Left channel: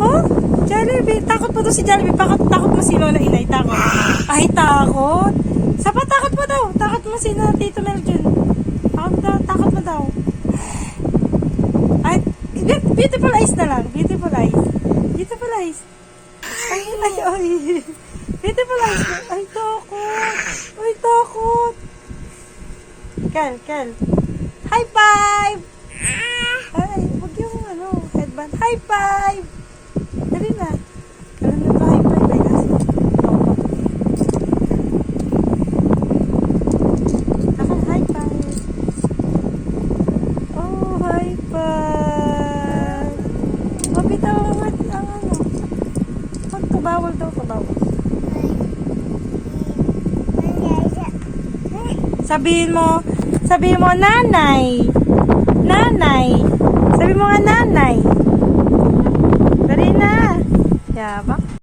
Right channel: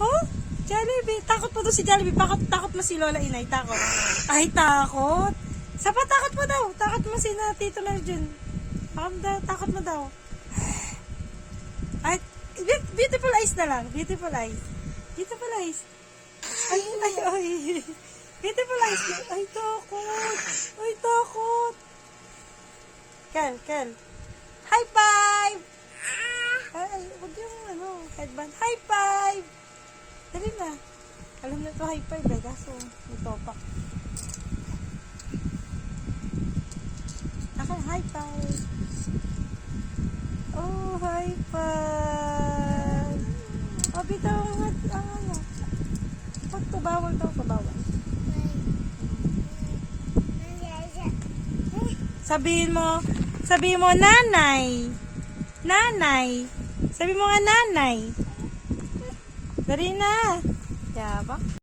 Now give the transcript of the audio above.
Oh, Jollibee. Takot mo to si Jollibee. Takot mo si Lola Inay. Takot. Ay, takot. Sapat, takot mo daw. Takot mo si na Tito Meljun. Takot mo daw. Ay, beautiful eyes na lang. Beautiful eyes. Beautiful eyes. Ay. Beautiful eyes. Ay, takot. Ay, takot. Kel. High five! Ay, wag yung headband. High five! Dali na. Alam na to, high five. Ay, nasa. Ako, high five. Oh, high five. Oh, bitaw ang Huwag to, bawal daw to, bawal. Sabihin mo, nanay. Nanay. Sabi mo nga, nanay. Dali na. Yabak.